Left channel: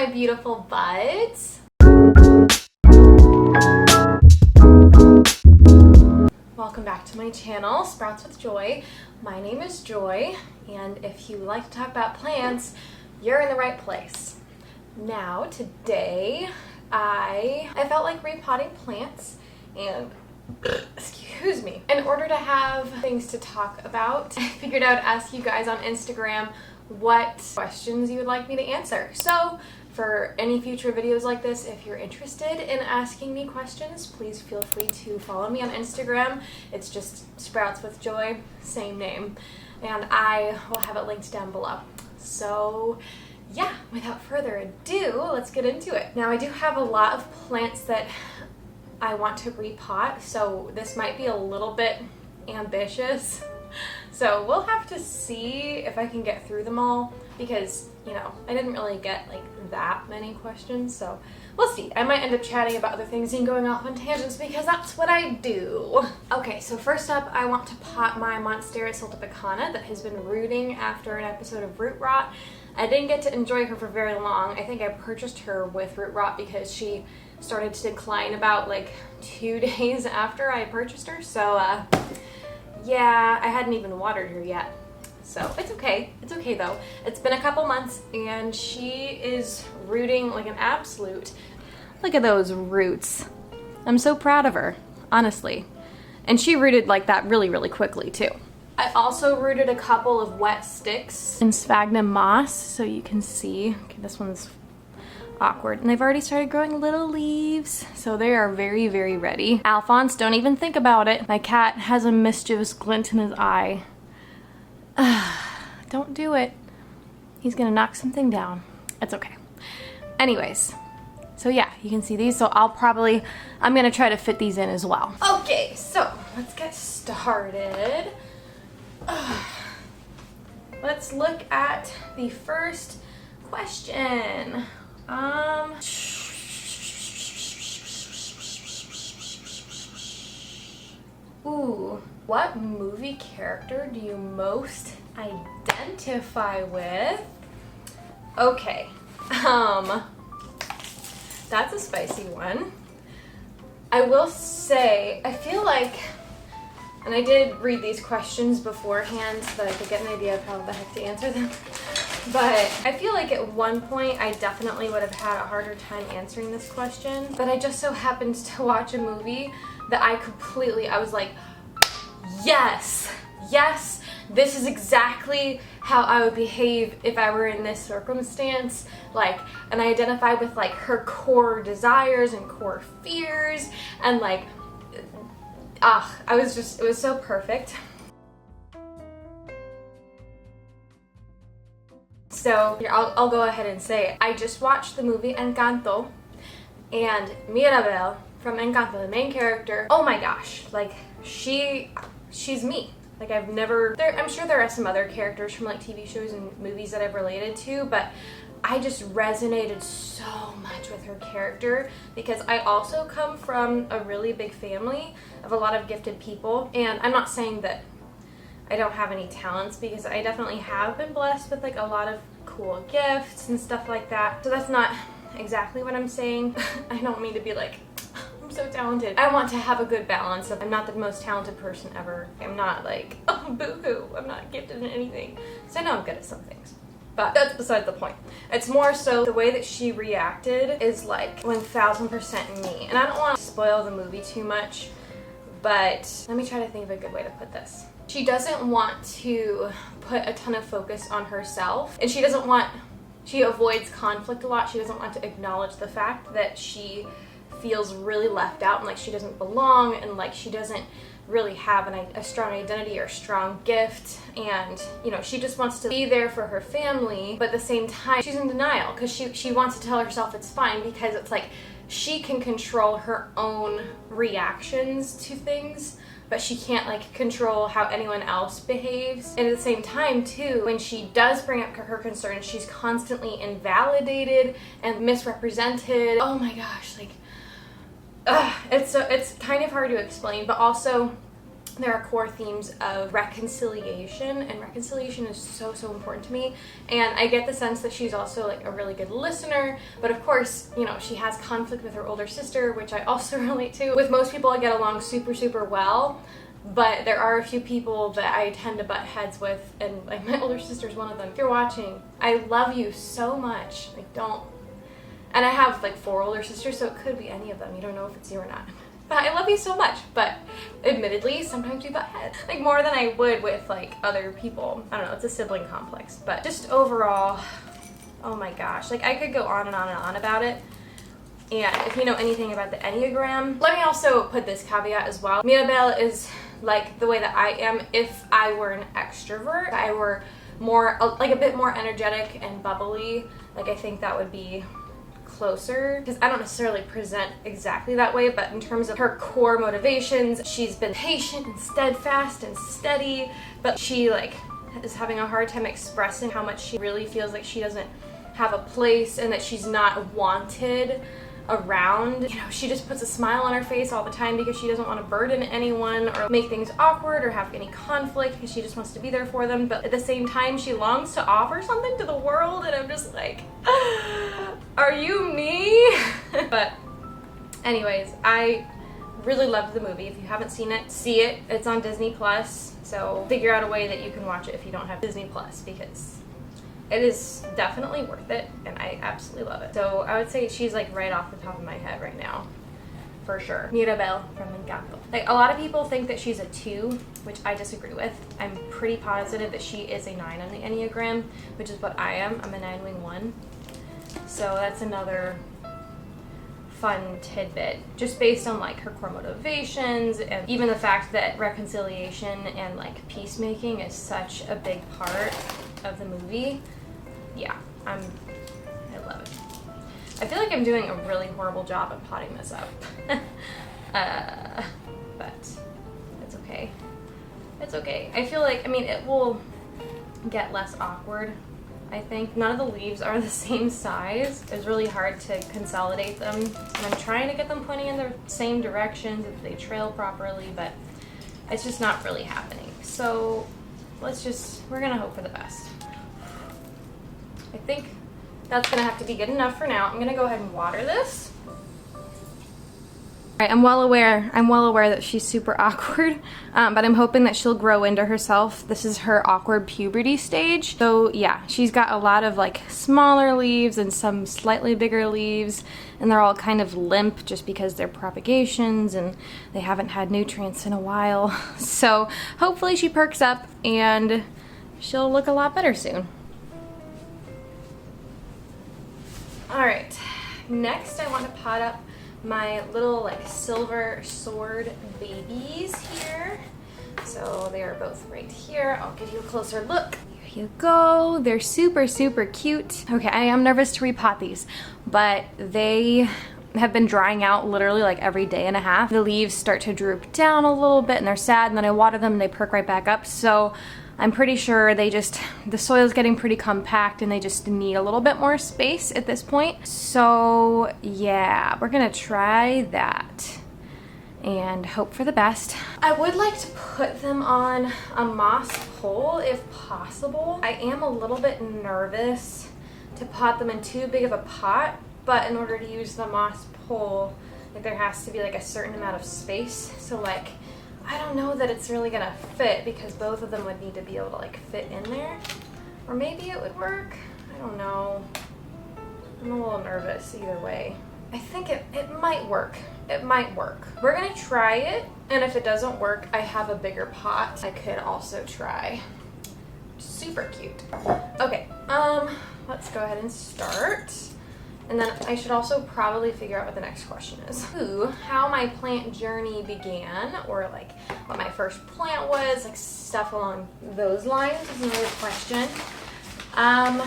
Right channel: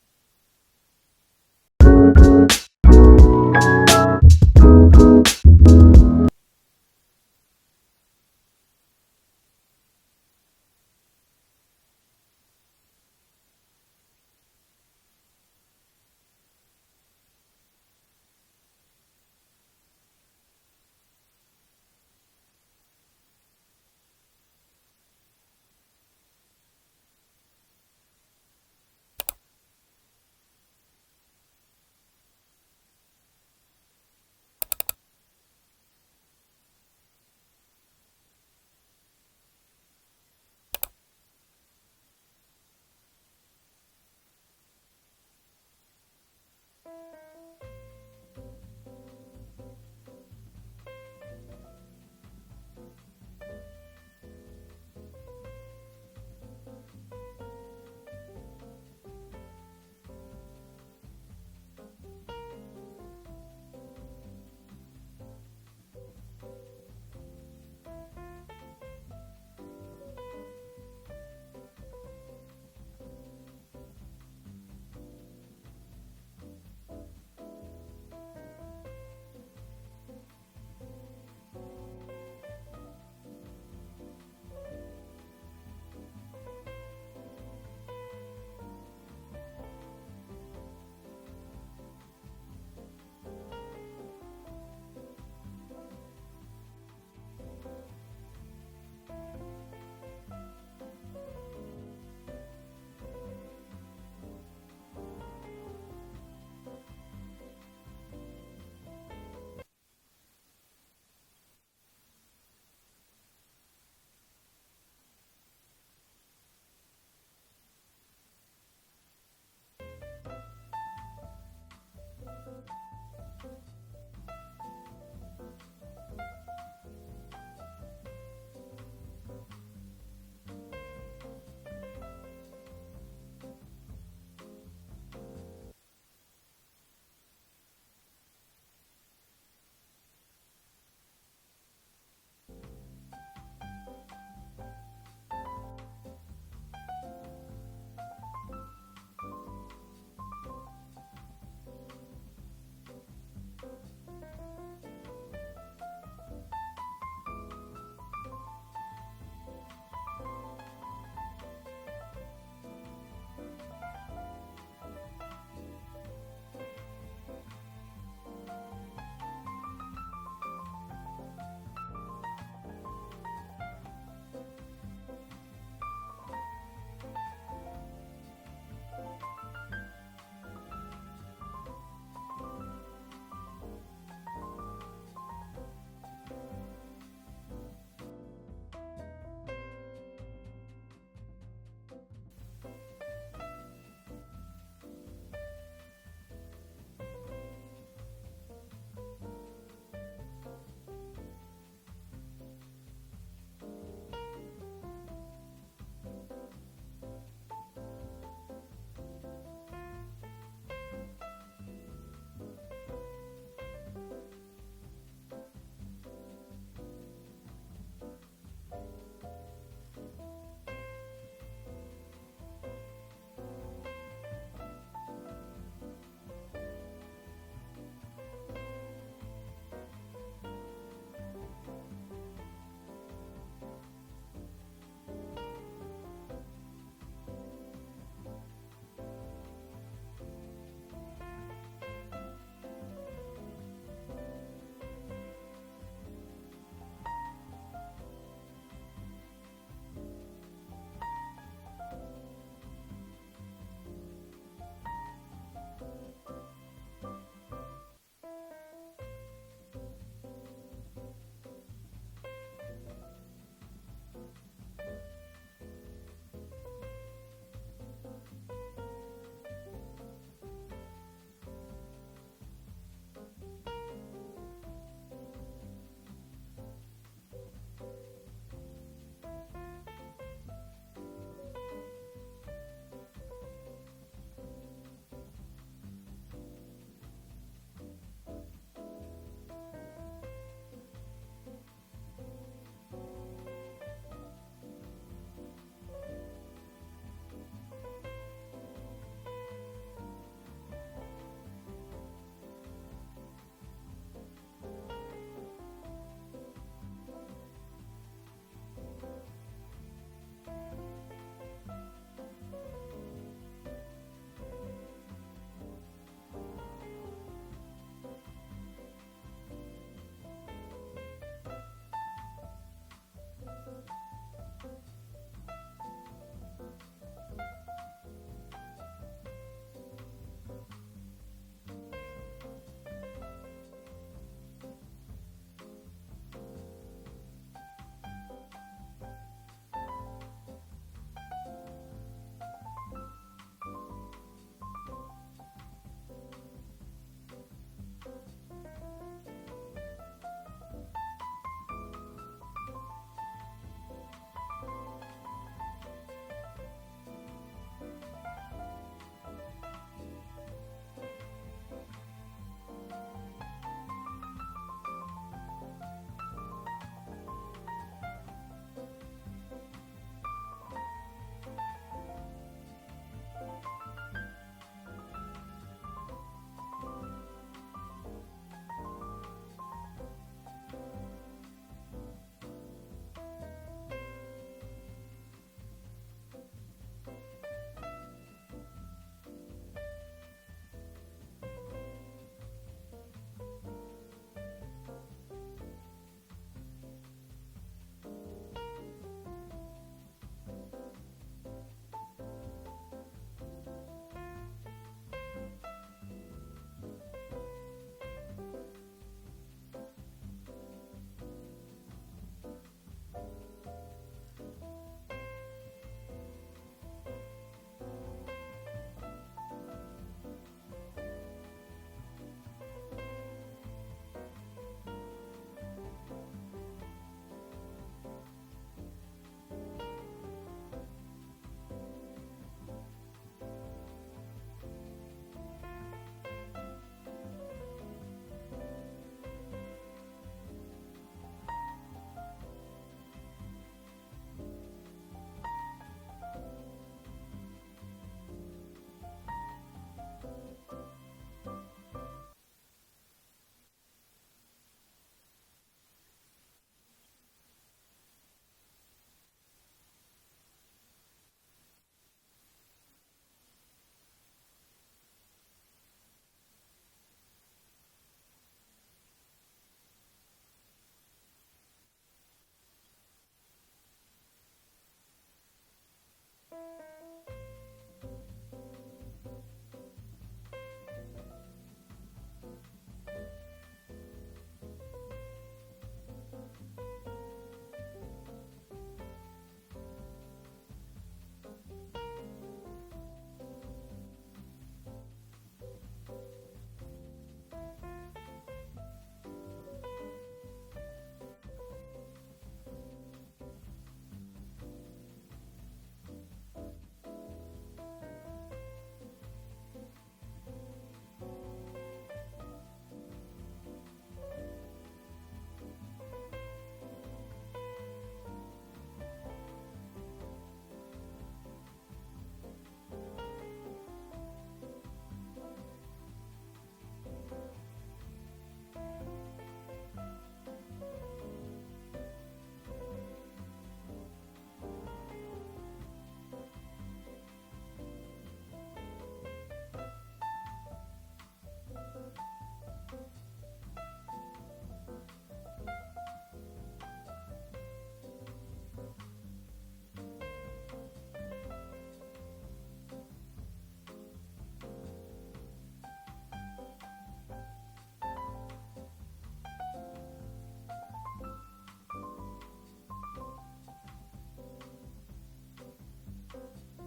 my beautiful buds. Welcome back to my channel, Sprouts with Joy. My name is Joy, and if you like to talk about plants, you're in the right place. Now, today, I felt like repotting plants, and excuse me, in order to have things to talk about, I figured I would ask you guys on Instagram what questions you would like me to answer. So for any future videos like this, if you're interested in asking me questions, please feel free to follow me on Instagram. It's just Sprouts with Joy, same name, and I will have it linked down below. So yeah, without further ado, let's get into it. Now, I do have a lot of plants that I want to repot, so this might be a little bit ambitious. So we'll have to see if I can get through them all, because, you know, I didn't really get like that many questions, so we'll see. I might end up chatting about other things and going off on tangents because that's what I do. Okay, so first up, I want to pot my monsteras sultipicana that has been rooting after an episode of root rot. I didn't get to enjoy her for very long. I think I purchased her with root rot because she started to decline about like 2 days after I purchased her, so yeah, I hadn't even watered her yet. So it's okay. It's okay though. It's been a couple months and she is rooting like an absolute. Look at those roots. I'm so proud of her, honestly. And she rooted like that really, really quickly too. I also rooted a couple of wet sticks in sphagnum moss, so you can see. Okay, this one's awkward. And they've already started growing little leaves, so they are very, very ready. Alphonse, don't even think about it. My cat has a mischievous glint in his eye. Don't do it. He's gonna knock something down. It's okay. Anyways, so yeah, you can see these, so I'm gonna try to fit these in as well. Okay, so let's get started. Let's look at the first question. Ooh, what movie character do you most identify with? Okay, that's a spicy one. I will say, I feel like, and I did read these questions beforehand so that I could get an idea of how the heck to answer them. But I feel like at one point I definitely would have had a harder time answering this question. But I just so happened to watch a movie that I was like, yes, this is exactly how I would behave if I were in this circumstance. Like, and I identify with like her core desires and core fears, and like, it was so perfect. So here, I'll go ahead and say it. I just watched the movie Encanto, and Mirabel from Encanto, the main character, oh my gosh, like she's me. Like I'm sure there are some other characters from like TV shows and movies that I've related to, but I just resonated so much with her character because I also come from a really big family of a lot of gifted people, and I'm not saying that I don't have any talents, because I definitely have been blessed with like a lot of cool gifts and stuff like that. So that's not exactly what I'm saying. I don't mean to be like, I'm so talented. I want to have a good balance of I'm not the most talented person ever. I'm not like, oh boo-hoo, I'm not gifted in anything. So I know I'm good at some things. But that's beside the point. It's more so the way that she reacted is like 1000% me. And I don't want to spoil the movie too much, but let me try to think of a good way to put this. She doesn't want to put a ton of focus on herself, and she avoids conflict a lot. She doesn't want to acknowledge the fact that she feels really left out and like she doesn't belong, and like she doesn't really have a strong identity or strong gift, and you know, she just wants to be there for her family, but at the same time she's in denial because she wants to tell herself it's fine, because it's like she can control her own reactions to things, but she can't like control how anyone else behaves. And at the same time too, when she does bring up her concerns, she's constantly invalidated and misrepresented. Oh my gosh, like it's kind of hard to explain, but also there are core themes of reconciliation, and reconciliation is so important to me. And I get the sense that she's also like a really good listener, but of course, you know, she has conflict with her older sister, which I also relate to. With most people I get along super well, but there are a few people that I tend to butt heads with, and like my older sister's one of them. If you're watching, I love you so much. Like, don't. And I have like 4 older sisters, so it could be any of them. You don't know if it's you or not. But I love you so much. But admittedly, sometimes we butt heads. Like more than I would with like other people. I don't know, it's a sibling complex. But just overall, oh my gosh. Like I could go on and on about it. And if you know anything about the Enneagram, let me also put this caveat as well. Mirabelle is like the way that I am if I were an extrovert. If I were more, like a bit more energetic and bubbly, like I think that would be closer, because I don't necessarily present exactly that way, but in terms of her core motivations, she's been patient and steadfast and steady, but she like is having a hard time expressing how much she really feels like she doesn't have a place and that she's not wanted around. You know, she just puts a smile on her face all the time because she doesn't want to burden anyone or make things awkward or have any conflict, because she just wants to be there for them. But at the same time, she longs to offer something to the world, and I'm just like, are you me? But anyways, I really loved the movie. If you haven't seen it, see it. It's on Disney Plus, so figure out a way that you can watch it if you don't have Disney Plus, because it is definitely worth it, and I absolutely love it. So I would say she's like right off the top of my head right now, for sure. Mirabelle from Encanto. Like a lot of people think that she's a 2, which I disagree with. I'm pretty positive that she is a 9 on the Enneagram, which is what I am. I'm a 9 wing 1. So that's another fun tidbit, just based on like her core motivations, and even the fact that reconciliation and like peacemaking is such a big part of the movie. Yeah, I love it. I feel like I'm doing a really horrible job of potting this up. But it's okay. It's okay. I feel like, I mean, it will get less awkward, I think. None of the leaves are the same size. It's really hard to consolidate them. And I'm trying to get them pointing in the same direction so that they trail properly, but it's just not really happening. So we're gonna hope for the best. I think that's gonna have to be good enough for now. I'm gonna go ahead and water this. All right, I'm well aware that she's super awkward, but I'm hoping that she'll grow into herself. This is her awkward puberty stage. So yeah, she's got a lot of like smaller leaves and some slightly bigger leaves, and they're all kind of limp just because they're propagations and they haven't had nutrients in a while. So hopefully she perks up and she'll look a lot better soon. All right, next I want to pot up my little like silver sword babies here. So they are both right here. I'll give you a closer look. Here you go. They're super cute. Okay, I am nervous to repot these, but they have been drying out literally like every day and a half. The leaves start to droop down a little bit and they're sad, and then I water them and they perk right back up. So I'm pretty sure the soil's getting pretty compact and they just need a little bit more space at this point. So yeah, we're gonna try that and hope for the best. I would like to put them on a moss pole if possible. I am a little bit nervous to pot them in too big of a pot, but in order to use the moss pole, like there has to be like a certain amount of space. So like, I don't know that it's really gonna fit, because both of them would need to be able to like fit in there. Or maybe it would work. I don't know. I'm a little nervous either way. I think it might work. It might work. We're gonna try it, and if it doesn't work, I have a bigger pot I could also try. Super cute. Okay, let's go ahead and start. And then I should also probably figure out what the next question is. How my plant journey began, or like what my first plant was, like stuff along those lines is another question. And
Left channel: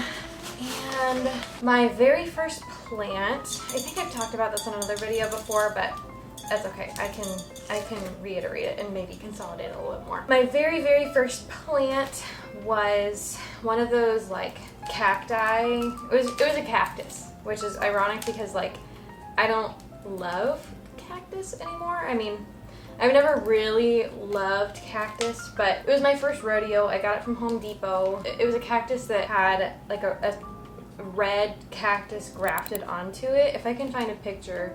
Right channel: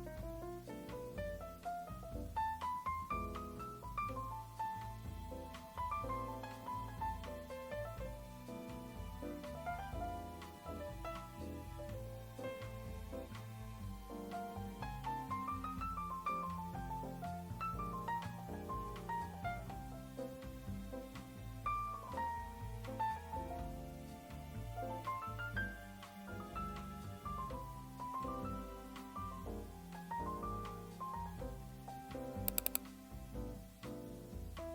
my very first plant, I think I've talked about this in another video before, but that's okay. I can reiterate it and maybe consolidate it a little bit more. My very first plant was one of those like cacti. It was a cactus, which is ironic because like I don't love cactus anymore. I mean, I've never really loved cactus, but it was my first rodeo. I got it from Home Depot. It was a cactus that had like a red cactus grafted onto it. If I can find a picture,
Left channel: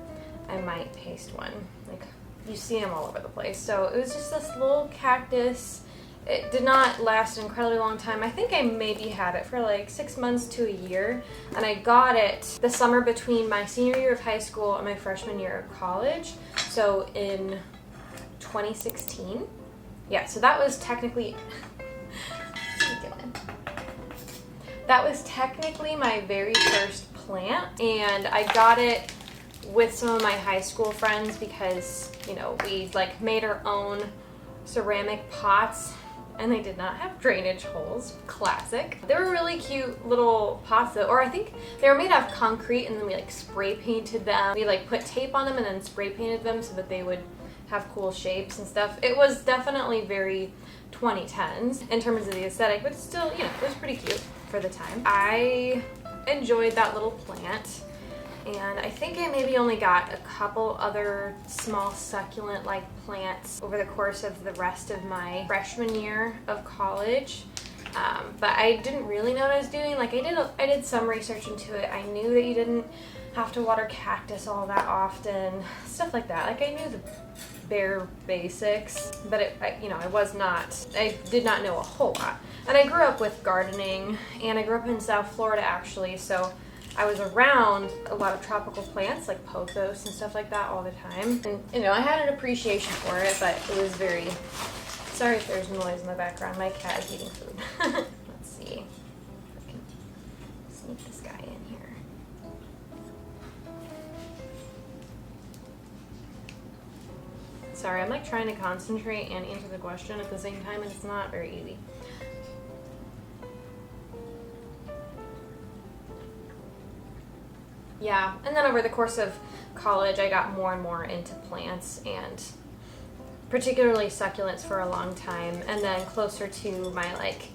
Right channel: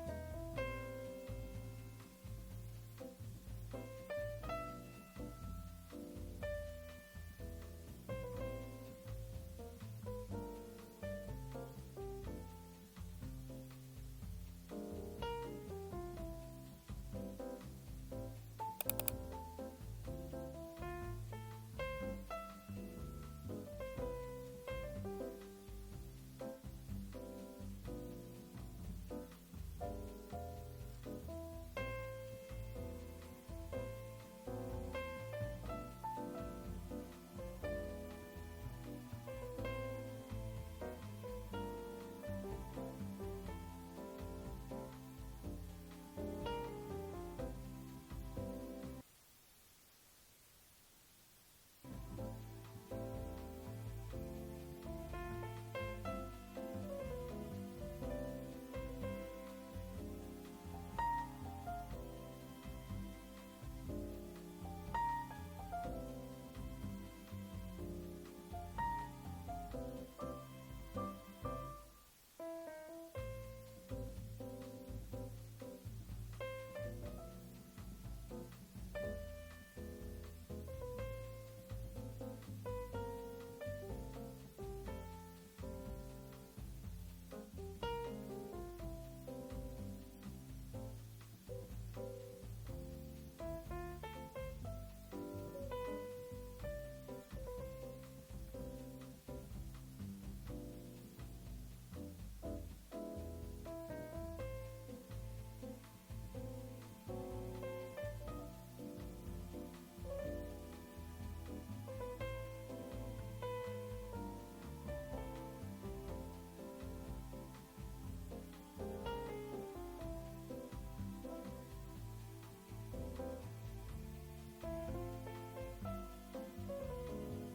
I might paste one. Like, you see them all over the place. So it was just this little cactus. It did not last an incredibly long time. I think I maybe had it for like 6 months to a year. And I got it the summer between my senior year of high school and my freshman year of college. So in 2016. Yeah, so that was technically that was technically my very first plant, and I got it with some of my high school friends because, you know, we like made our own ceramic pots and they did not have drainage holes. Classic. They were really cute little pots though, or I think they were made out of concrete and then we like spray painted them. We like put tape on them and then spray painted them so that they would have cool shapes and stuff. It was definitely very 2010s in terms of the aesthetic, but still, you know, it was pretty cute for the time. I enjoyed that little plant, and I think I maybe only got a couple other small succulent-like plants over the course of the rest of my freshman year of college. But I didn't really know what I was doing. Like, I did some research into it. I knew that you didn't have to water cactus all that often, stuff like that. Like, I knew the bare basics, but I did not know a whole lot. And I grew up with gardening, and I grew up in South Florida actually, so I was around a lot of tropical plants like pothos and stuff like that all the time. And, you know, I had an appreciation for it, but it was very... Sorry if there's noise in the background. My cat is eating food. Let's see if I can sneak this guy in here. Sorry, I'm like trying to concentrate and answer the question at the same time, and it's not very easy. Yeah, and then over the course of college, I got more and more into plants, and particularly succulents for a long time. And then closer to my like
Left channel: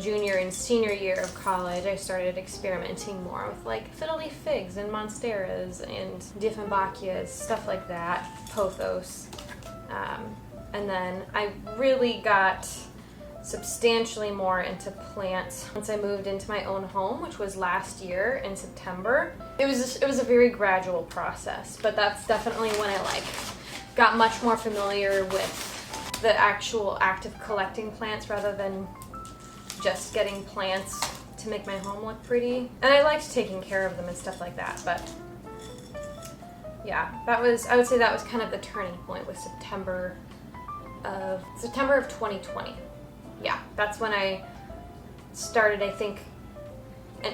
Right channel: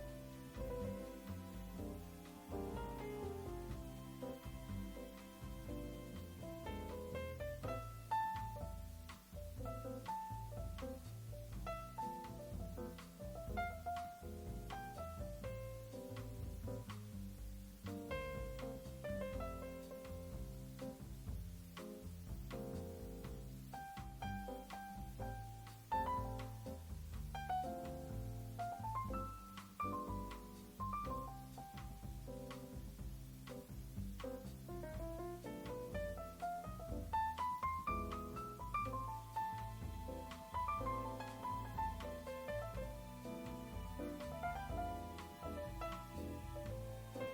junior and senior year of college, I started experimenting more with like fiddle-leaf figs and monsteras and dieffenbachias, stuff like that, pothos. And then I really got substantially more into plants once I moved into my own home, which was last year in September. It was a very gradual process, but that's definitely when I like got much more familiar with the actual act of collecting plants rather than just getting plants to make my home look pretty. And I liked taking care of them and stuff like that, but yeah, I would say that was kind of the turning point with September of 2020. Yeah, that's when I started, I think,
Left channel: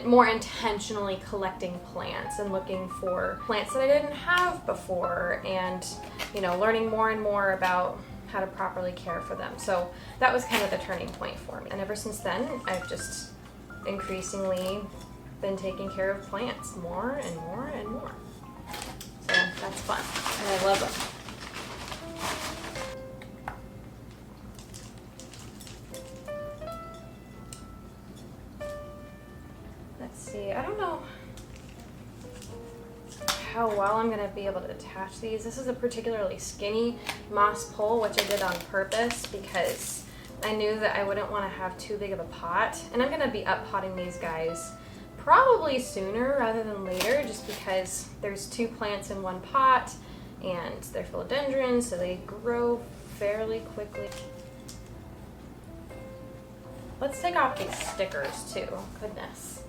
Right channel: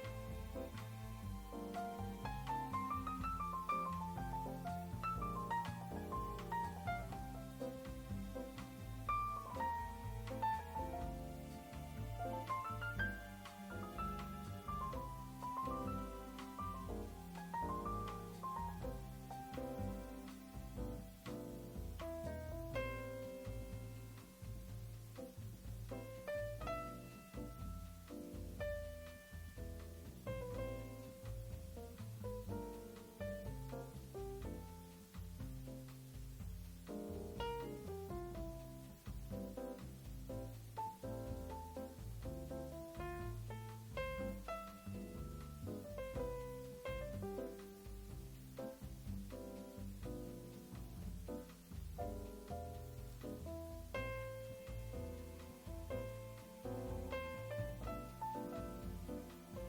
more intentionally collecting plants and looking for plants that I didn't have before, and, you know, learning more and more about how to properly care for them. So that was kind of the turning point for me. And ever since then, I've just increasingly been taking care of plants more and more and more. So that's fun, and I love them. I don't know how well I'm going to be able to attach these. This is a particularly skinny moss pole, which I did on purpose because I knew that I wouldn't want to have too big of a pot. And I'm going to be up-potting these guys probably sooner rather than later, just because there's 2 plants in one pot and they're philodendrons, so they grow fairly quickly. Let's take off these stickers too. Goodness.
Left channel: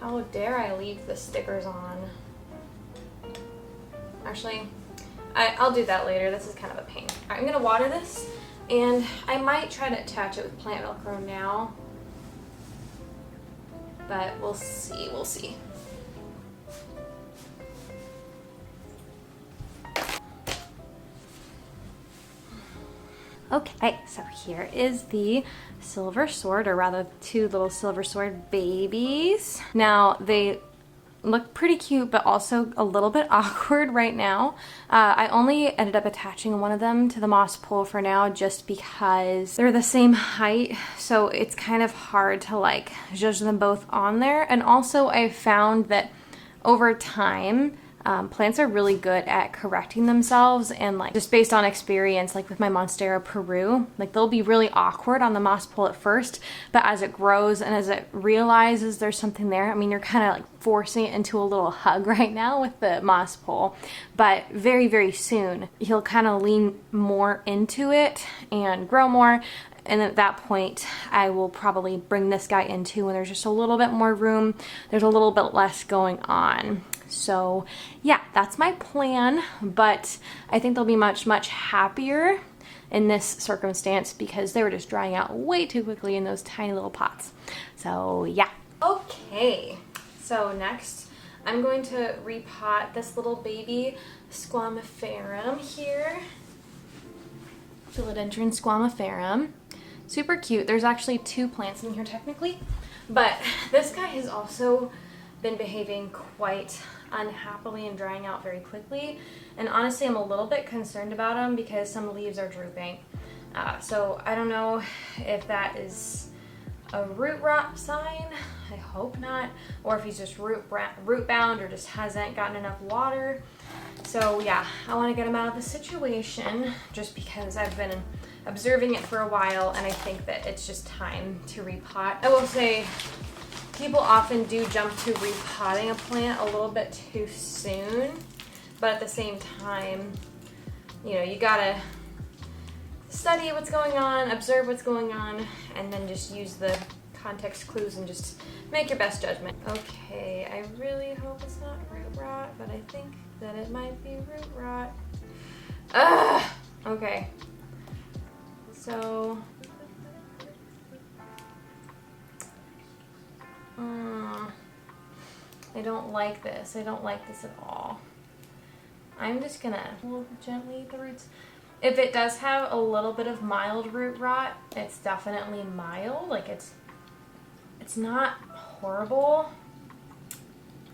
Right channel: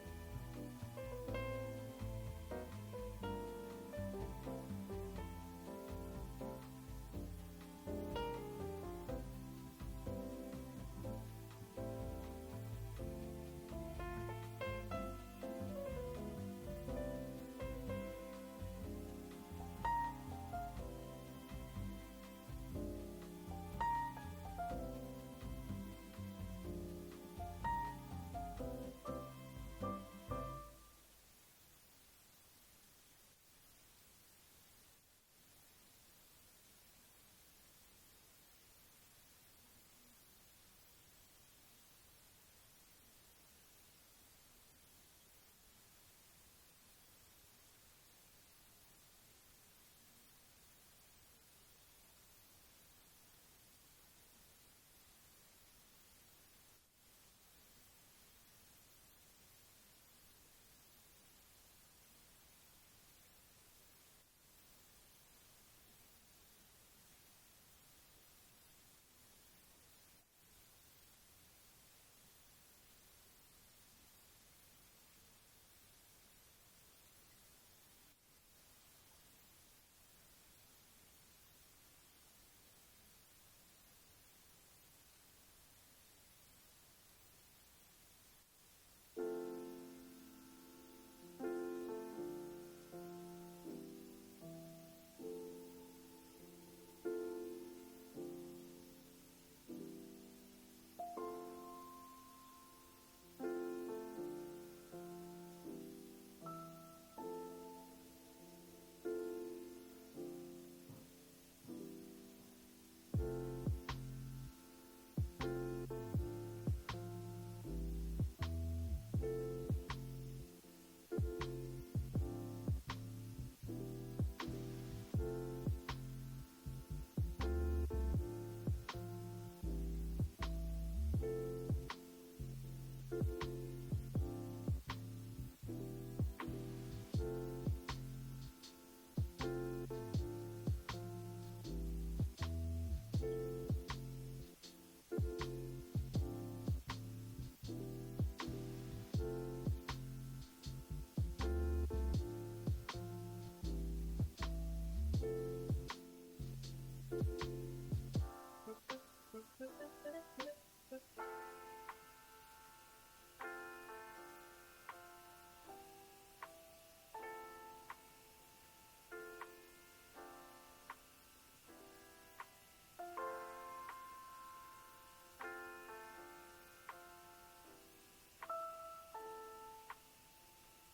How dare I leave the stickers on? Actually, I'll do that later. This is kind of a pain. All right, I'm gonna water this, and I might try to attach it with plant Velcro now, but we'll see, Okay, so here is the silver sword, or rather 2 little silver sword babies. Now, they look pretty cute, but also a little bit awkward right now. I only ended up attaching one of them to the moss pole for now just because they're the same height, so it's kind of hard to like judge them both on there. And also I found that over time, plants are really good at correcting themselves, and like just based on experience, like with my Monstera Peru, like they'll be really awkward on the moss pole at first, but as it grows and as it realizes there's something there, I mean, you're kind of like forcing it into a little hug right now with the moss pole, but very, very soon he'll kind of lean more into it and grow more. And at that point, I will probably bring this guy into when there's just a little bit more room. There's a little bit less going on. So yeah, that's my plan, but I think they'll be much, much happier in this circumstance because they were just drying out way too quickly in those tiny little pots. So yeah. Okay, so next I'm going to repot this little baby squamiferum here. Philodendron squamiferum. Super cute. There's actually 2 plants in here technically, but this guy has also been behaving quite unhappily and drying out very quickly, and honestly I'm a little bit concerned about him because some leaves are drooping. So I don't know if that is a root rot sign, I hope not, or if he's just root bound or just hasn't gotten enough water. So yeah, I want to get him out of the situation just because I've been observing it for a while, and I think that it's just time to repot. I will say people often do jump to repotting a plant a little bit too soon, but at the same time, you know, you gotta study what's going on, observe what's going on, and then just use the context clues and just make your best judgment. Okay, I really hope it's not root rot, but I think that it might be root rot. Ugh! Okay. So, I don't like this. I don't like this at all. I'm just gonna pull gently the roots. If it does have a little bit of mild root rot, it's definitely mild. Like it's not horrible,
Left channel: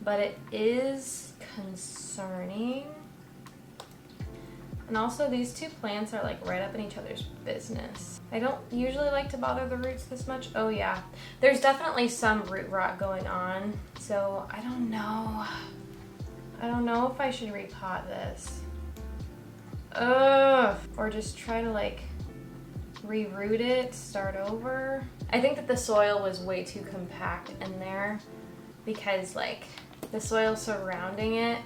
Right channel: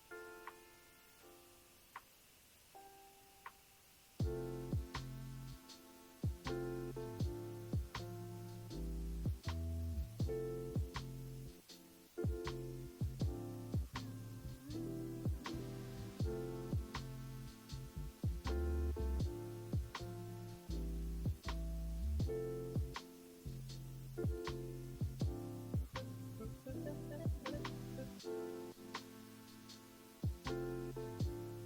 but it is concerning. And also these 2 plants are like right up in each other's business. I don't usually like to bother the roots this much. Oh yeah, there's definitely some root rot going on. So I don't know. I don't know if I should repot this. Ugh. Or just try to like reroot it, start over. I think that the soil was way too compact in there because like the soil surrounding it,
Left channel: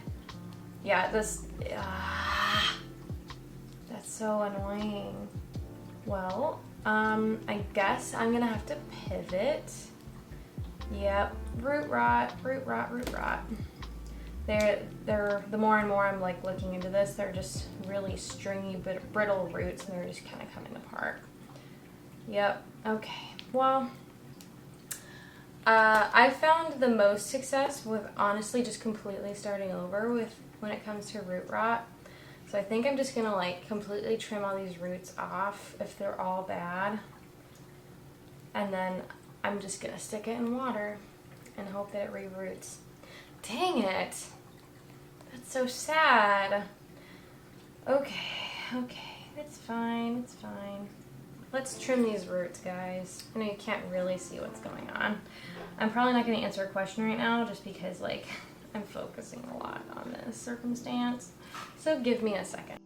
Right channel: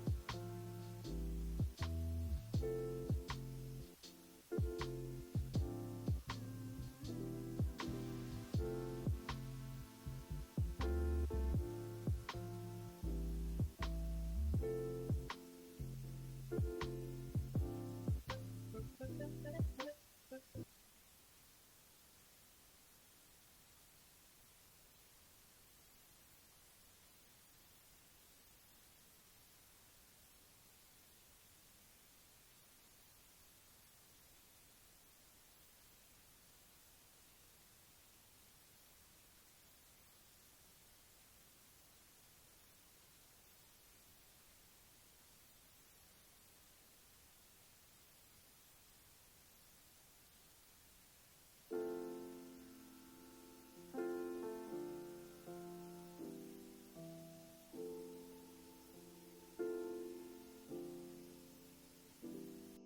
yeah, this, that's so annoying. Well, I guess I'm gonna have to pivot. Yep, root rot, root rot, root rot. They're the more and more I'm like looking into this, they're just really stringy, brittle roots, and they're just kind of coming apart. Yep. Okay. Well, I found the most success with honestly just completely starting over with when it comes to root rot. So I think I'm just gonna like completely trim all these roots off if they're all bad, and then I'm just gonna stick it in water and hope that it reroots. Dang it! That's so sad. Okay, it's fine, it's fine. Let's trim these roots, guys. I know you can't really see what's going on. I'm probably not gonna answer a question right now just because like I'm focusing a lot on this circumstance. So give me a second.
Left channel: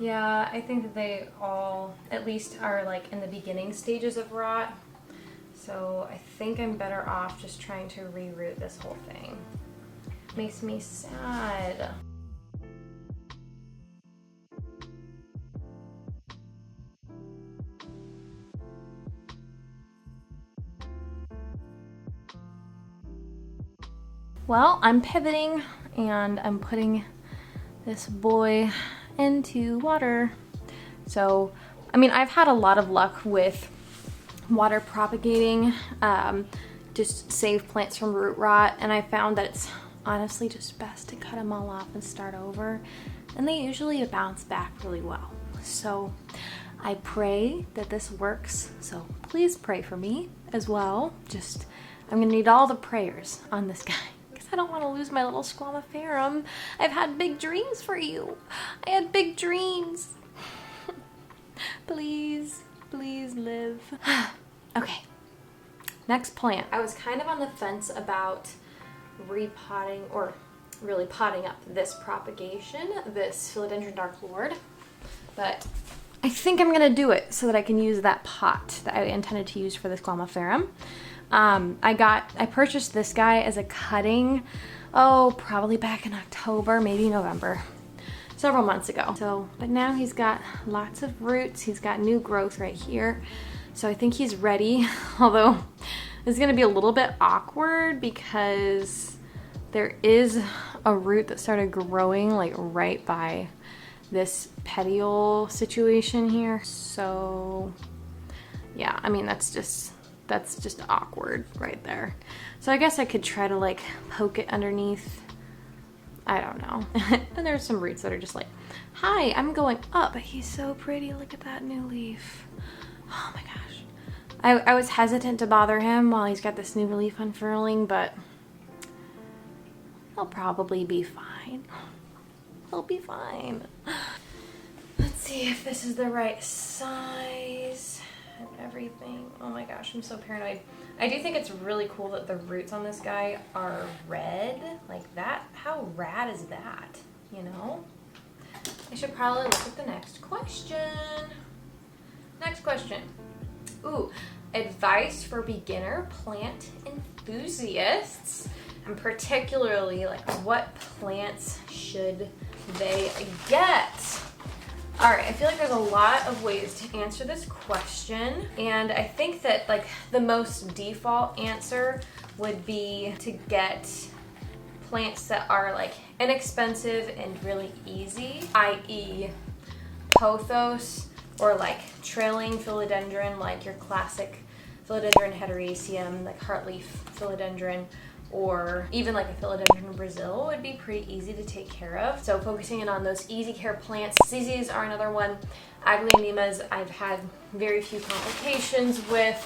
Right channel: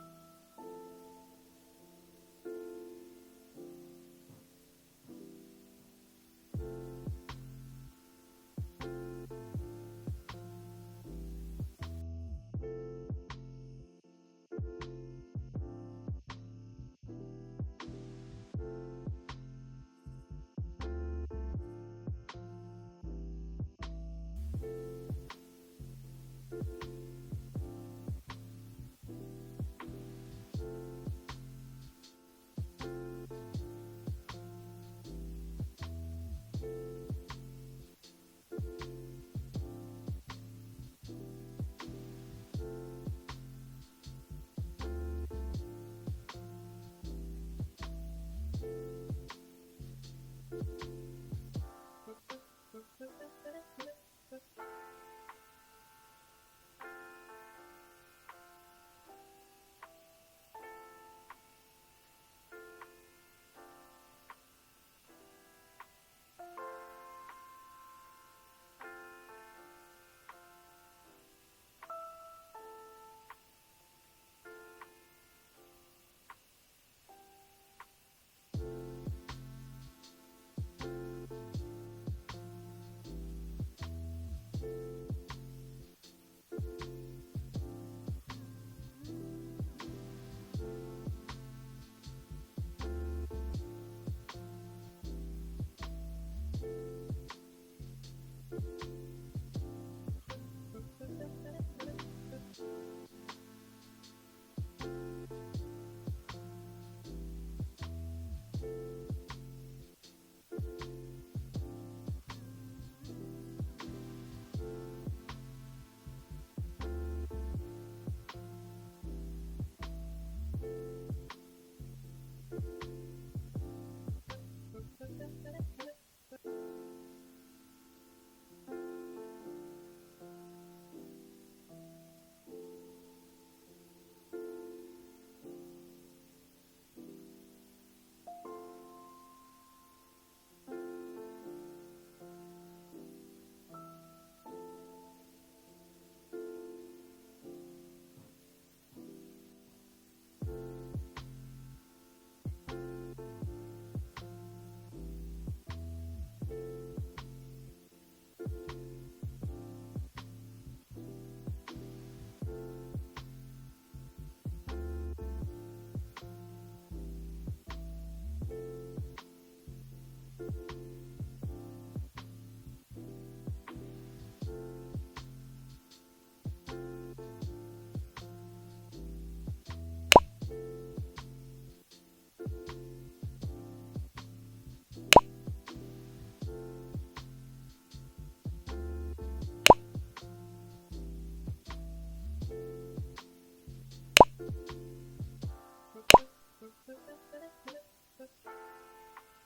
Yeah, I think that they all at least are like in the beginning stages of rot. So I think I'm better off just trying to reroot this whole thing. Makes me sad. Well, I'm pivoting and I'm putting this boy into water. So, I mean, I've had a lot of luck with water propagating, just save plants from root rot, and I found that it's honestly just best to cut them all off and start over, and they usually bounce back really well. So I pray that this works, so please pray for me as well. I'm gonna need all the prayers on this guy because I don't want to lose my little squamiferum. I've had big dreams for you. I had big dreams. Please live. Okay, Next plant. I was kind of on the fence about repotting or really potting up this propagation, this philodendron dark lord, but I think I'm gonna do it so that I can use that pot that I intended to use for this glomopharum. I purchased this guy as a cutting, probably back in October, maybe November, several months ago. But now he's got lots of roots, he's got new growth right here, so I think he's ready, although it's gonna be a little bit awkward because there is a root that started growing like right by this petiole situation here. So yeah, I mean, that's just awkward right there. So I guess I could try to like poke it underneath. I don't know. And there's some roots that are just like, hi, I'm going up. He's so pretty. Look at that new leaf. Oh my gosh. I was hesitant to bother him while he's got this new leaf unfurling, but he'll probably be fine. He'll be fine. Let's see if this is the right size and everything. Oh my gosh, I'm so paranoid. I do think it's really cool that the roots on this guy are red like that. How rad is that, you know? I should probably look at the next question. Next question. Ooh, advice for beginner plant enthusiasts, and particularly like what plants should they get? All right, I feel like there's a lot of ways to answer this question, and I think that like the most default answer would be to get plants that are like inexpensive and really easy, i.e. pothos or like trailing philodendron, like your classic philodendron heteroecium, like heartleaf philodendron, or even like a philodendron Brazil would be pretty easy to take care of. So focusing in on those easy care plants. ZZs are another one. Aglaonemas, I've had very few complications with.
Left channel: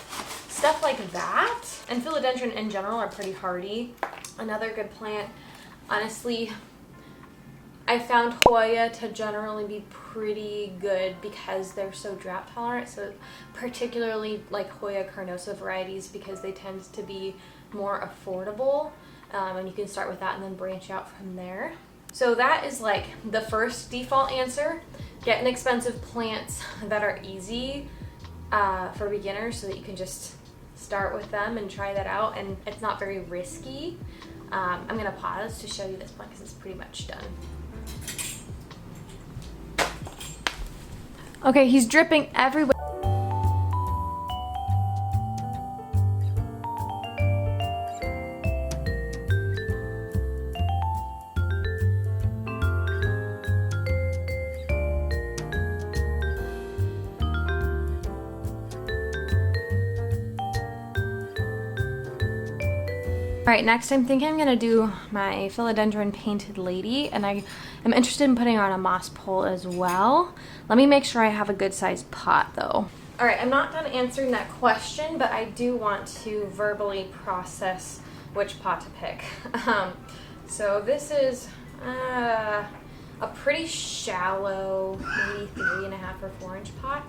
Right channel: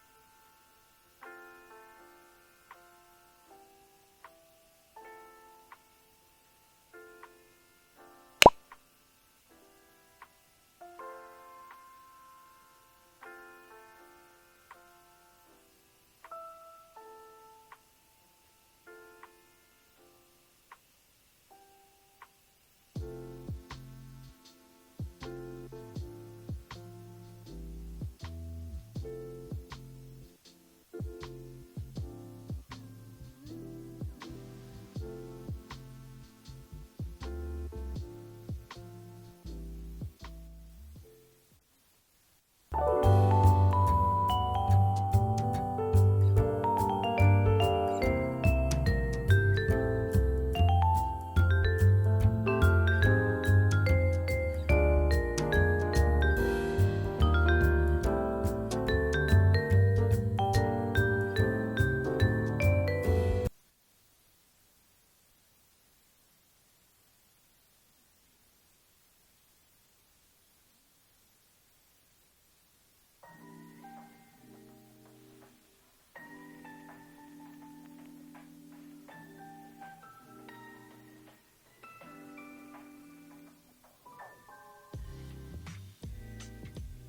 Stuff like that. And philodendron in general are pretty hardy. Another good plant, honestly, I found Hoya to generally be pretty good because they're so drought tolerant. So particularly like Hoya carnosa varieties, because they tend to be more affordable, and you can start with that and then branch out from there. So that is like the first default answer. Get inexpensive plants that are easy for beginners so that you can just start with them and try that out, and it's not very risky. I'm gonna pause to show you this plant because it's pretty much done. Okay, he's dripping everywhere. All right, next I'm thinking I'm gonna do my philodendron painted lady, and I am interested in putting her on a moss pole as well. Let me make sure I have a good sized pot though. All right, I'm not done answering that question, but I do want to verbally process which pot to pick. So this is a pretty shallow, maybe 3.5 or 4 inch pot.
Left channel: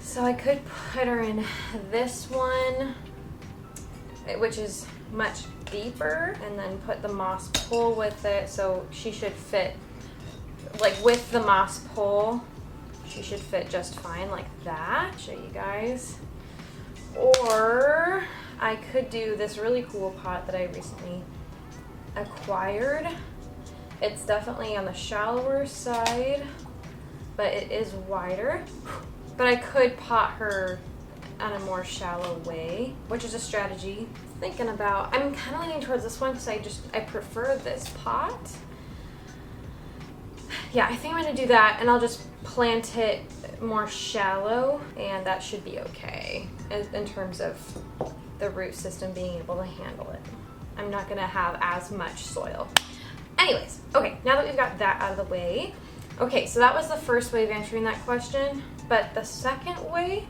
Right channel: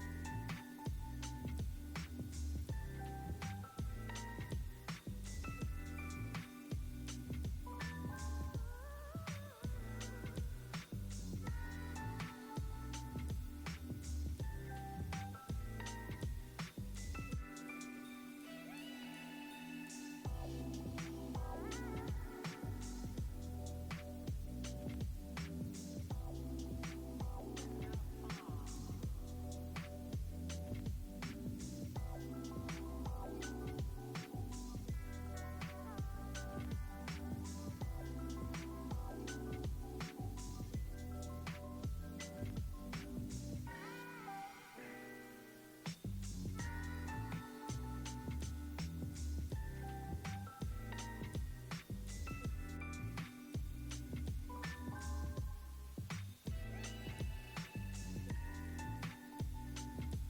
So I could put her in this one, which is much deeper, and then put the moss pole with it, so she should fit, like with the moss pole, she should fit just fine like that. Show you guys. Or I could do this really cool pot that I recently acquired. It's definitely on the shallower side, but it is wider. But I could pot her on a more shallow way, which is a strategy thinking about. I'm kind of leaning towards this one because I prefer this pot. Yeah, I think I'm gonna do that, and I'll just plant it more shallow, and that should be okay in terms of the root system being able to handle it. I'm not gonna have as much soil. Anyways, okay, now that we've got that out of the way, okay, so that was the first way of answering that question, but the second way,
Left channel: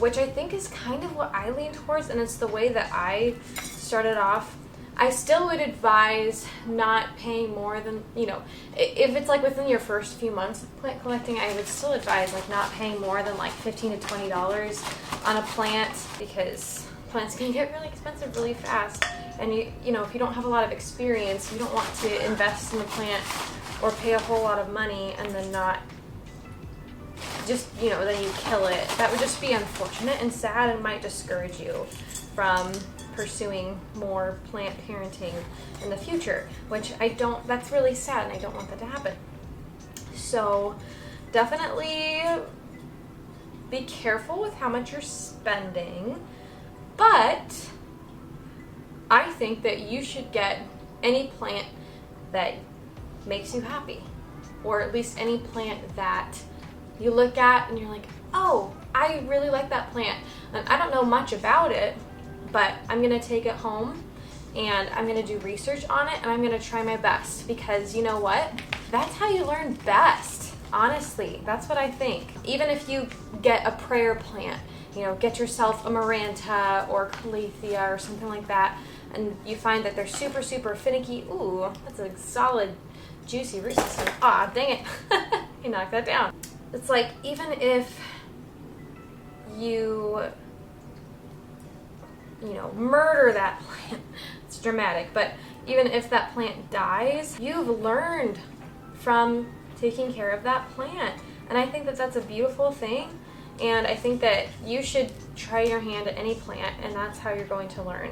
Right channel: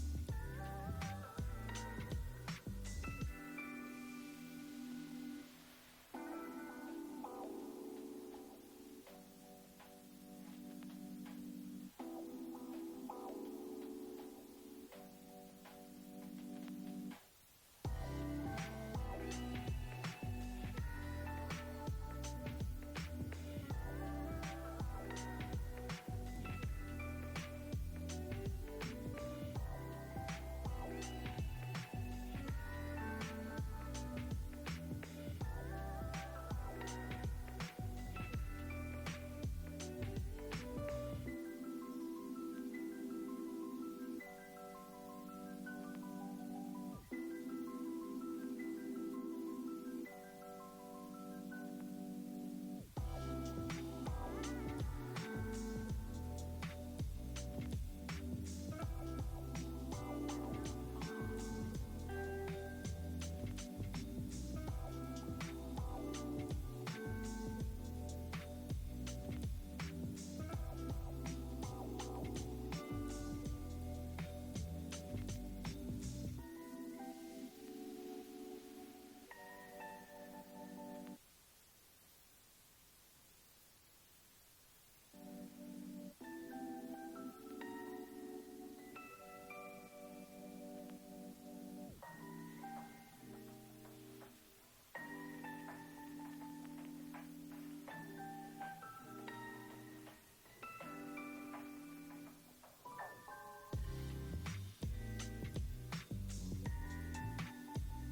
which I think is kind of what I lean towards, and it's the way that I started off, I still would advise not paying more than, you know, if it's like within your first few months of plant collecting, I would still advise like not paying more than like $15 to $20 on a plant, because plants can get really expensive really fast. And you know, if you don't have a lot of experience, you don't want to invest in the plant or pay a whole lot of money and then not just, you know, then you kill it. That would just be unfortunate and sad and might discourage you from pursuing more plant parenting in the future, which that's really sad, and I don't want that to happen. So definitely be careful with how much you're spending, but I think that you should get any plant that makes you happy, or at least any plant that you look at and you're like, oh, I really like that plant, and I don't know much about it, but I'm gonna take it home and I'm gonna do research on it and I'm gonna try my best, because you know what? That's how you learn best. Honestly, that's what I think. Even if you get a prayer plant, you know, get yourself a Maranta or Calathea or something like that, and you find that they're super, super finicky. Ooh, that's a solid, juicy root system. Aw, dang it. You knocked that down. It's like, even if you know, murder that plant, it's dramatic, but even if that plant dies, you've learned from taking care of that plant. And I think that that's a beautiful thing. And I think that you should try your hand at any plant, and that's how you're going to learn.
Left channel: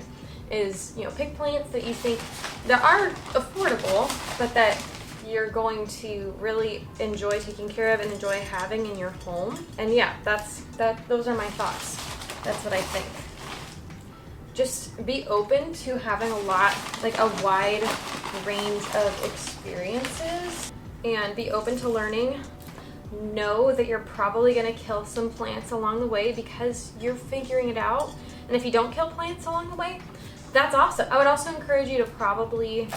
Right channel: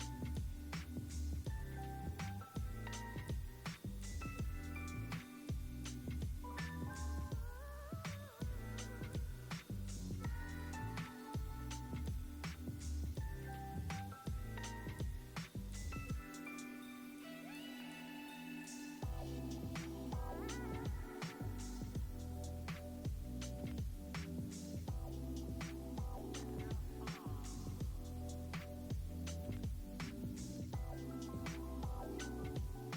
Is, you know, pick plants that you think that are affordable, but that you're going to really enjoy taking care of and enjoy having in your home. And yeah, those are my thoughts. That's what I think. Just be open to having a wide range of experiences, and be open to learning. Know that you're probably going to kill some plants along the way because you're figuring it out. And if you don't kill plants along the way, that's awesome. I would also encourage you to probably,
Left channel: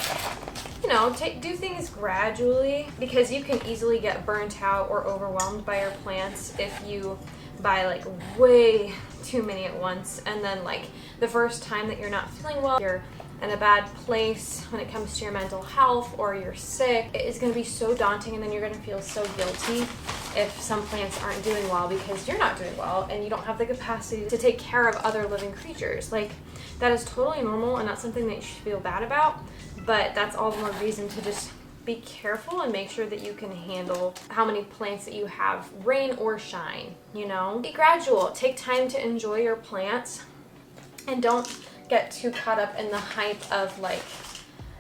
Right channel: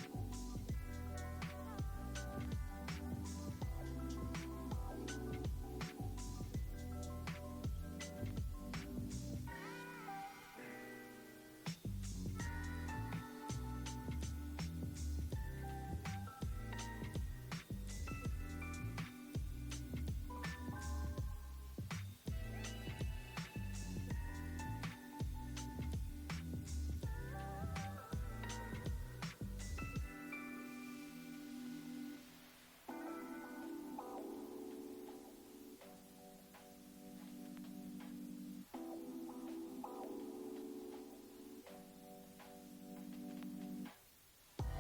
you know, do things gradually, because you can easily get burnt out or overwhelmed by your plants if you buy like way too many at once, and then like the first time that you're not feeling well, you're in a bad place when it comes to your mental health, or you're sick, it is going to be so daunting, and then you're going to feel so guilty if some plants aren't doing well because you're not doing well and you don't have the capacity to take care of other living creatures. Like, that is totally normal and not something that you should feel bad about, but that's all the more reason to just be careful and make sure that you can handle how many plants that you have, rain or shine, you know? Be gradual. Take time to enjoy your plants, and don't get too caught up in the hype of like,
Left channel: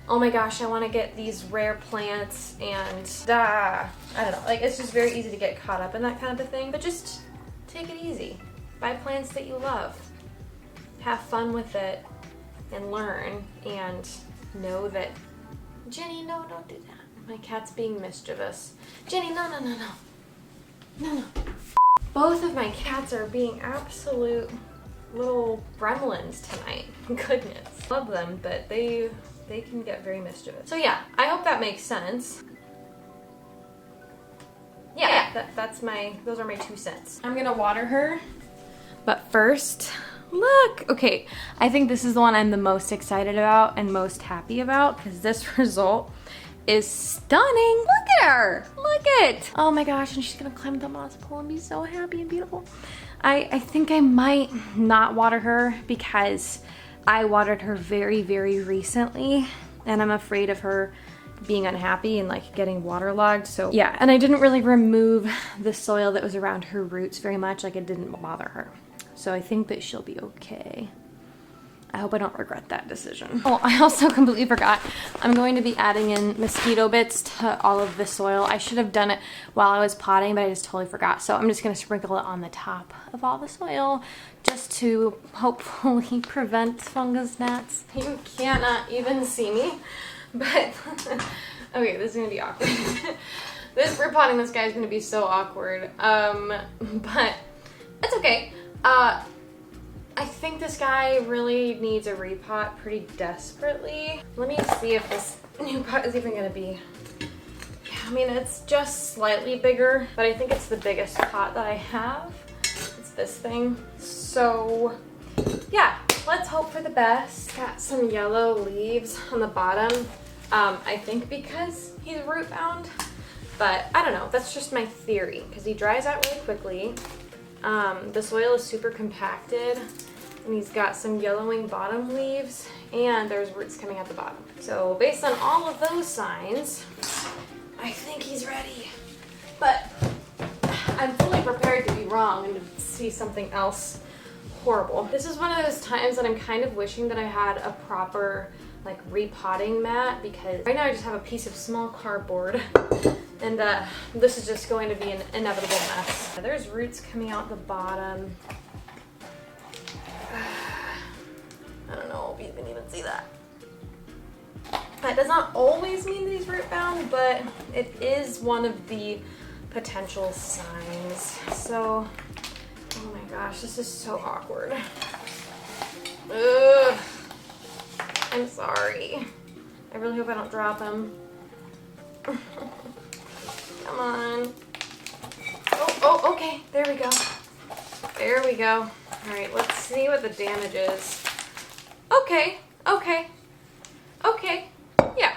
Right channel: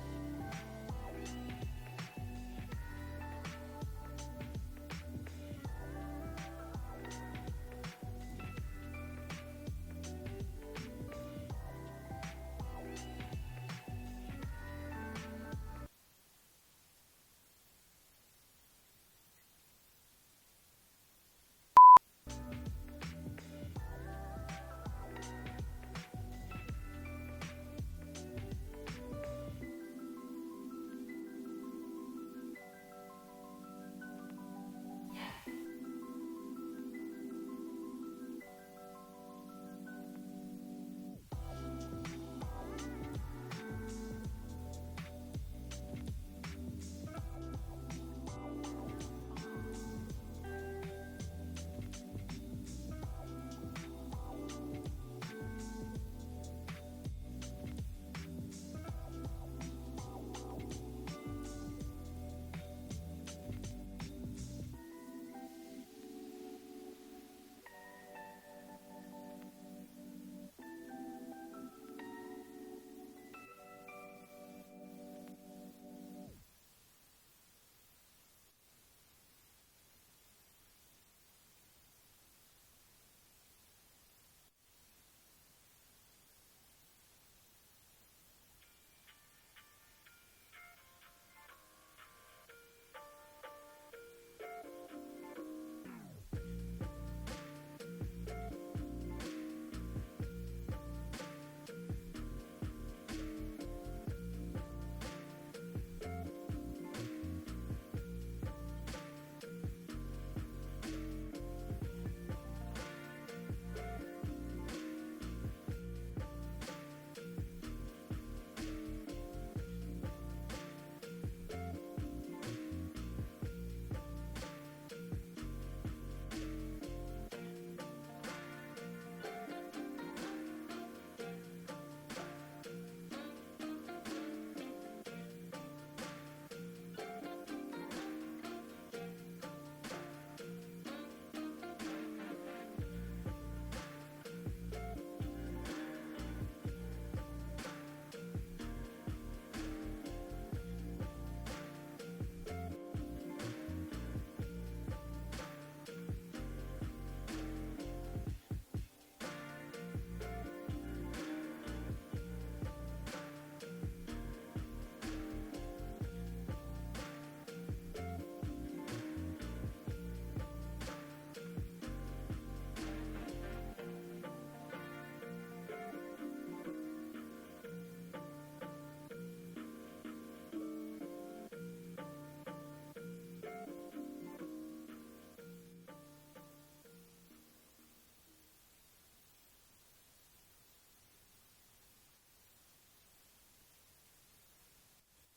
oh my gosh, I want to get these rare plants, and I don't know, like, it's just very easy to get caught up in that kind of a thing. But just take it easy. Buy plants that you love. Have fun with it and learn, and know that, Jenny, no, don't do that. My cat's being mischievous. Jenny, no. Both of my cats are being absolute little gremlins tonight. Goodness. Love them, but they can get very mischievous. So yeah, I hope that makes sense. Yeah, those are my 2 cents. I'm gonna water her, but first, look. Okay, I think this is the one I'm the most excited about and most happy about, because this result is stunning. Look at her. Look it. Oh my gosh, and she's gonna climb the moss pole and be so happy and beautiful. I think I might not water her because I watered her very, very recently, and I'm afraid of her being unhappy and like getting waterlogged. So yeah, and I didn't really remove the soil that was around her roots very much. Like, it didn't bother her. So I think that she'll be okay. I hope I don't regret that decision. Oh, I also completely forgot. I'm going to be adding in mosquito bits to all of the soil. I should have done it while I was potting, but I just totally forgot. So I'm just gonna sprinkle it on the top of all the soil just to hopefully prevent fungus gnats. You cannot even see me, but okay, this is gonna be awkward. Repotting this guy is gonna be so awkward, but it's okay. I think this guy really needs a repot pretty desperately. Let me see if this new pot is even gonna be. Yeah, I mean, it's just slightly bigger, but I think it's the biggest pot that I have. It's this thing. So yeah, let's hope for the best. Got some yellow leaves on the bottom. I think because he's root bound, but I don't know. That's just my theory, because he dries out really quickly. The soil is super compacted, And he's got some yellowing bottom leaves, and there's roots coming at the bottom. So based on all of those signs, I think he's ready. But I'm fully prepared to be wrong and see something else horrible. This is one of those times that I'm kind of wishing that I had a proper like repotting mat, because right now I just have a piece of small cardboard and this is just going to be an inevitable mess. There's roots coming out the bottom. I don't know if you can even see that. That does not always mean that he's root bound, but it is one of the potential signs. So, oh my gosh, this is so awkward. Ugh. I'm sorry. I really hope I don't drop him. Come on. Oh, okay. There we go. There we go. All right, let's see what the damage is. Okay. Yeah.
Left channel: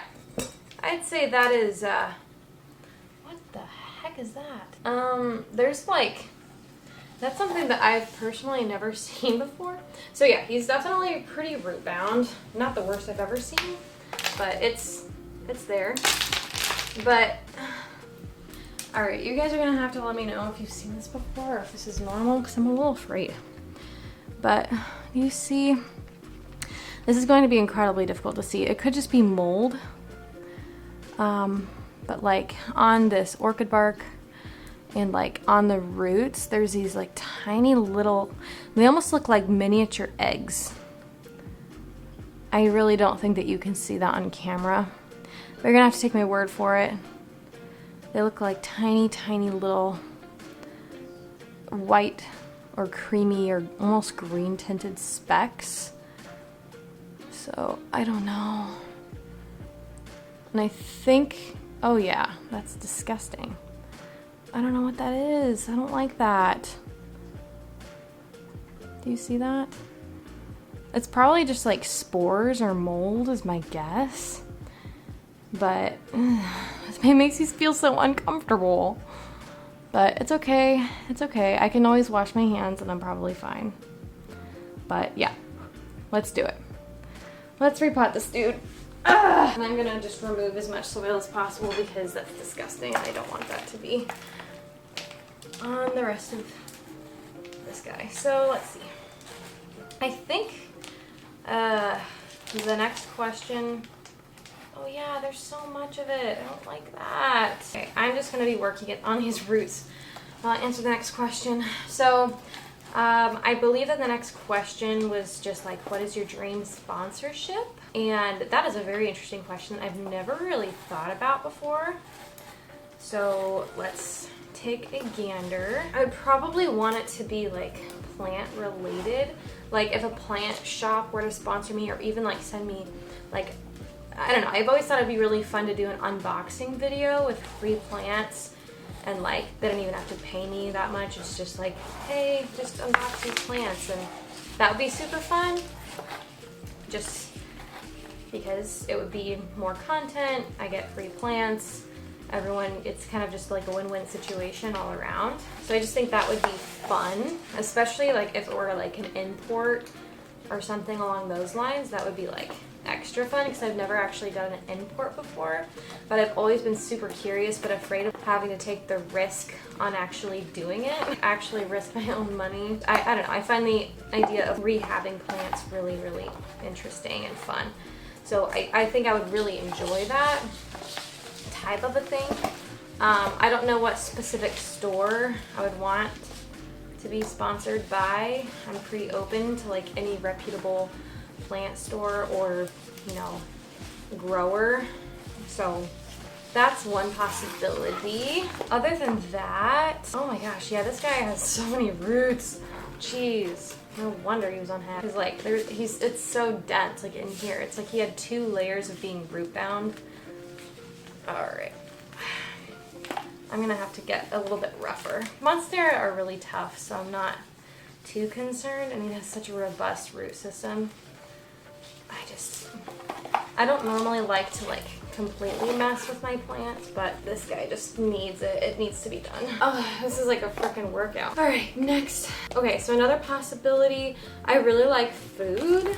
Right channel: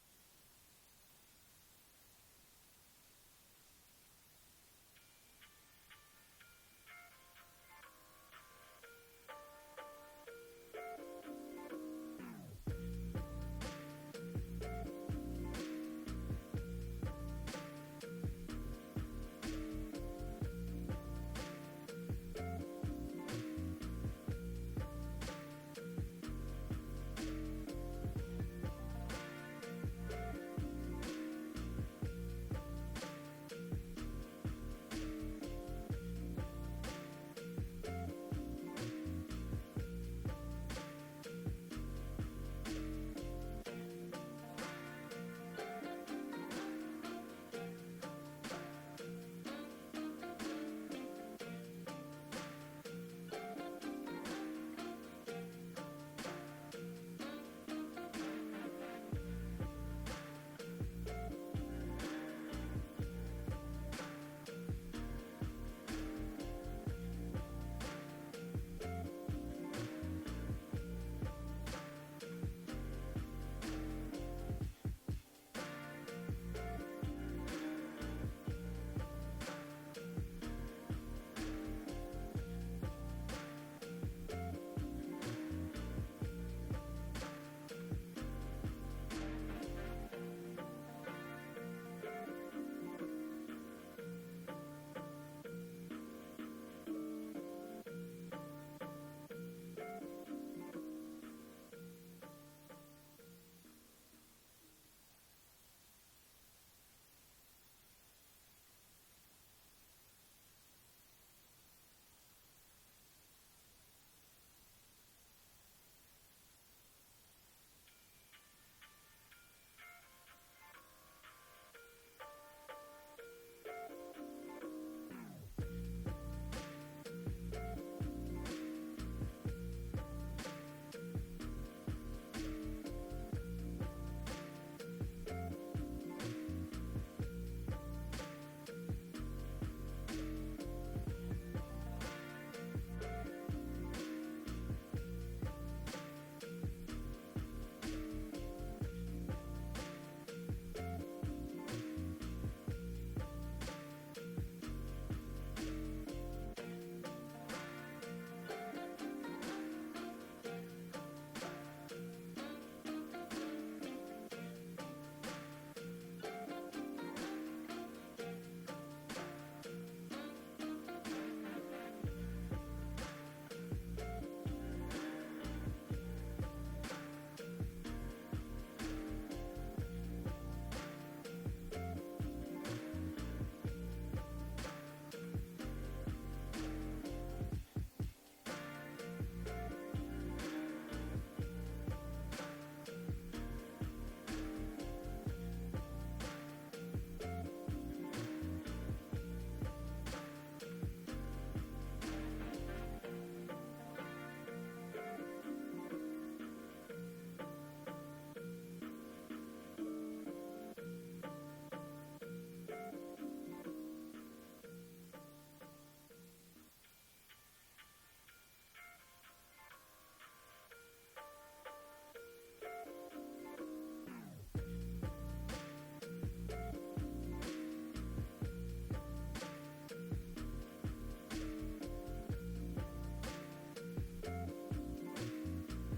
I'd say that is, what the heck is that? There's like, that's something that I've personally never seen before. So yeah, he's definitely pretty root bound. Not the worst I've ever seen, but it's there. But, all right, you guys are gonna have to let me know if you've seen this before or if this is normal, because I'm a little afraid. But you see, this is going to be incredibly difficult to see. It could just be mold, but like on this orchid bark and like on the roots, there's these like tiny little, they almost look like miniature eggs. I really don't think that you can see that on camera. But you're gonna have to take my word for it. They look like tiny little white or creamy or almost green tinted specks. So I don't know. And I think, oh yeah, that's disgusting. I don't know what that is. I don't like that. Do you see that? It's probably just like spores or mold is my guess. But it makes me feel so uncomfortable. But it's okay. It's okay. I can always wash my hands and I'm probably fine. But yeah, let's do it. Let's repot this dude. And I'm gonna just remove as much soil as possible because that's disgusting and I don't want that to be on the rest of this guy. So let's see. I think the next question, oh yeah, there's so much of it. I don't like that. Okay, I'm just gonna be working it on his roots. I'll answer the next question. So I believe that the next question was just like, what is your dream sponsorship? And that is a very interesting question I've never really thought about before. So let's take a gander. I would probably want it to be like plant related. Like if a plant shop were to sponsor me or even like send me like, I don't know, I've always thought it'd be really fun to do an unboxing video with free plants and like they don't even have to pay me that much. It's just like, hey, just unbox these plants, and that would be super fun. Just because it would be more content, I get free plants, everyone, it's kind of just like a win-win situation all around. So I just think that would be fun, especially like if it were like an import or something along those lines. That would be like extra fun because I've never actually done an import before, but I've always been super curious but afraid of having to take the risk on actually doing it, actually risk my own money. I don't know, I find the idea of rehabbing plants really interesting and fun. So I think I would really enjoy that type of a thing. I don't know what specific store I would want to be sponsored by. I'm pretty open to like any reputable plant store or, you know, grower. So that's one possibility. Other than that, oh my gosh, yeah, this guy has so many roots. Jeez. No wonder he was unhappy. He's like, it's so dense, like in here. It's like he had 2 layers of being root bound. All right. I'm gonna have to get a little bit rougher. Monstera are really tough, so I'm not too concerned. I mean, it has such a robust root system. I don't normally like to like completely mess with my plants, but this guy just needs it. It needs to be done. Oh, this is like a freaking workout. All right, next. Okay, so another possibility, I really like food.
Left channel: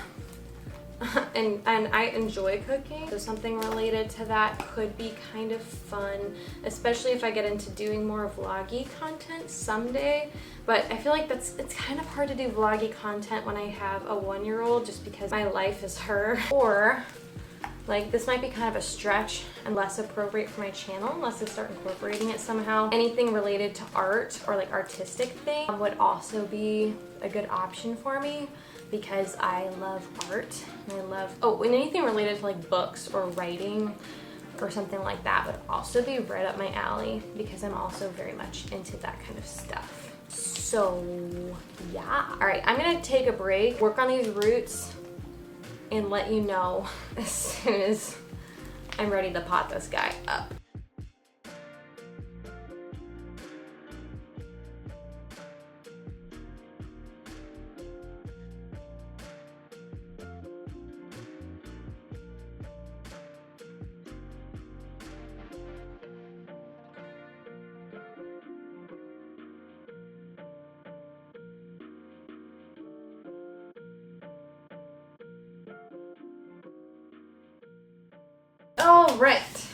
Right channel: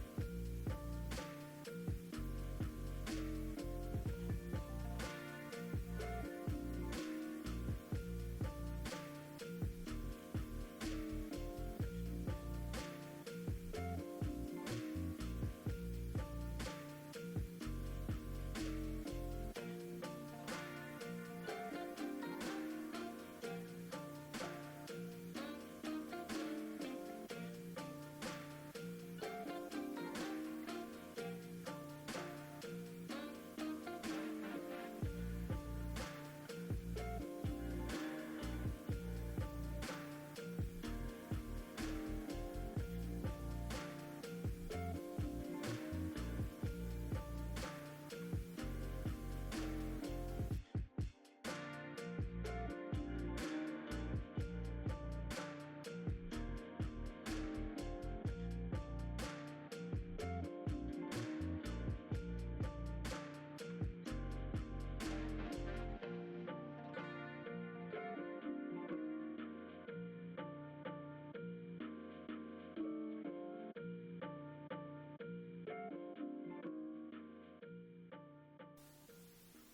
and I enjoy cooking, so something related to that could be kind of fun, especially if I get into doing more vloggy content someday. But I feel like it's kind of hard to do vloggy content when I have a 1-year-old, just because my life is her. Or like this might be kind of a stretch and less appropriate for my channel unless I start incorporating it somehow. Anything related to art or like artistic thing would also be a good option for me, because I love art and and anything related to like books or writing or something like that would also be right up my alley, because I'm also very much into that kind of stuff. So yeah, all right, I'm gonna take a break, work on these roots, and let you know as soon as I'm ready to pot this guy up. All right,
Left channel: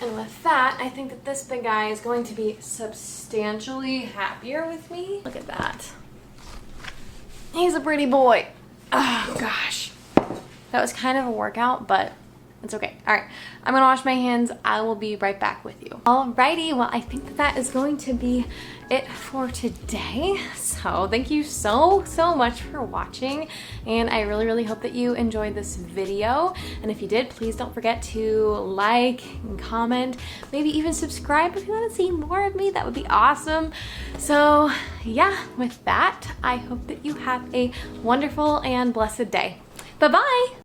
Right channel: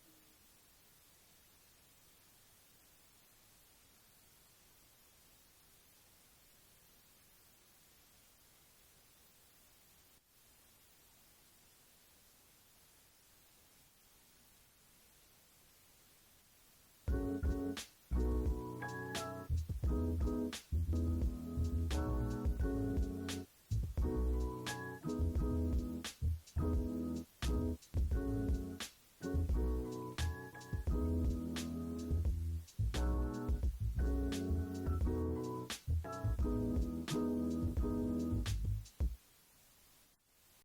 and with that, I think that this big guy is going to be substantially happier with me. Look at that. He's a pretty boy. Oh gosh, that was kind of a workout, but it's okay. All right, I'm gonna wash my hands. I will be right back with you. Alrighty, well, I think that is going to be it for today. So thank you so much for watching, and I really hope that you enjoyed this video. And if you did, please don't forget to like and comment, maybe even subscribe if you want to see more of me. That would be awesome. So yeah, with that, I hope that you have a wonderful and blessed day. Bye-bye.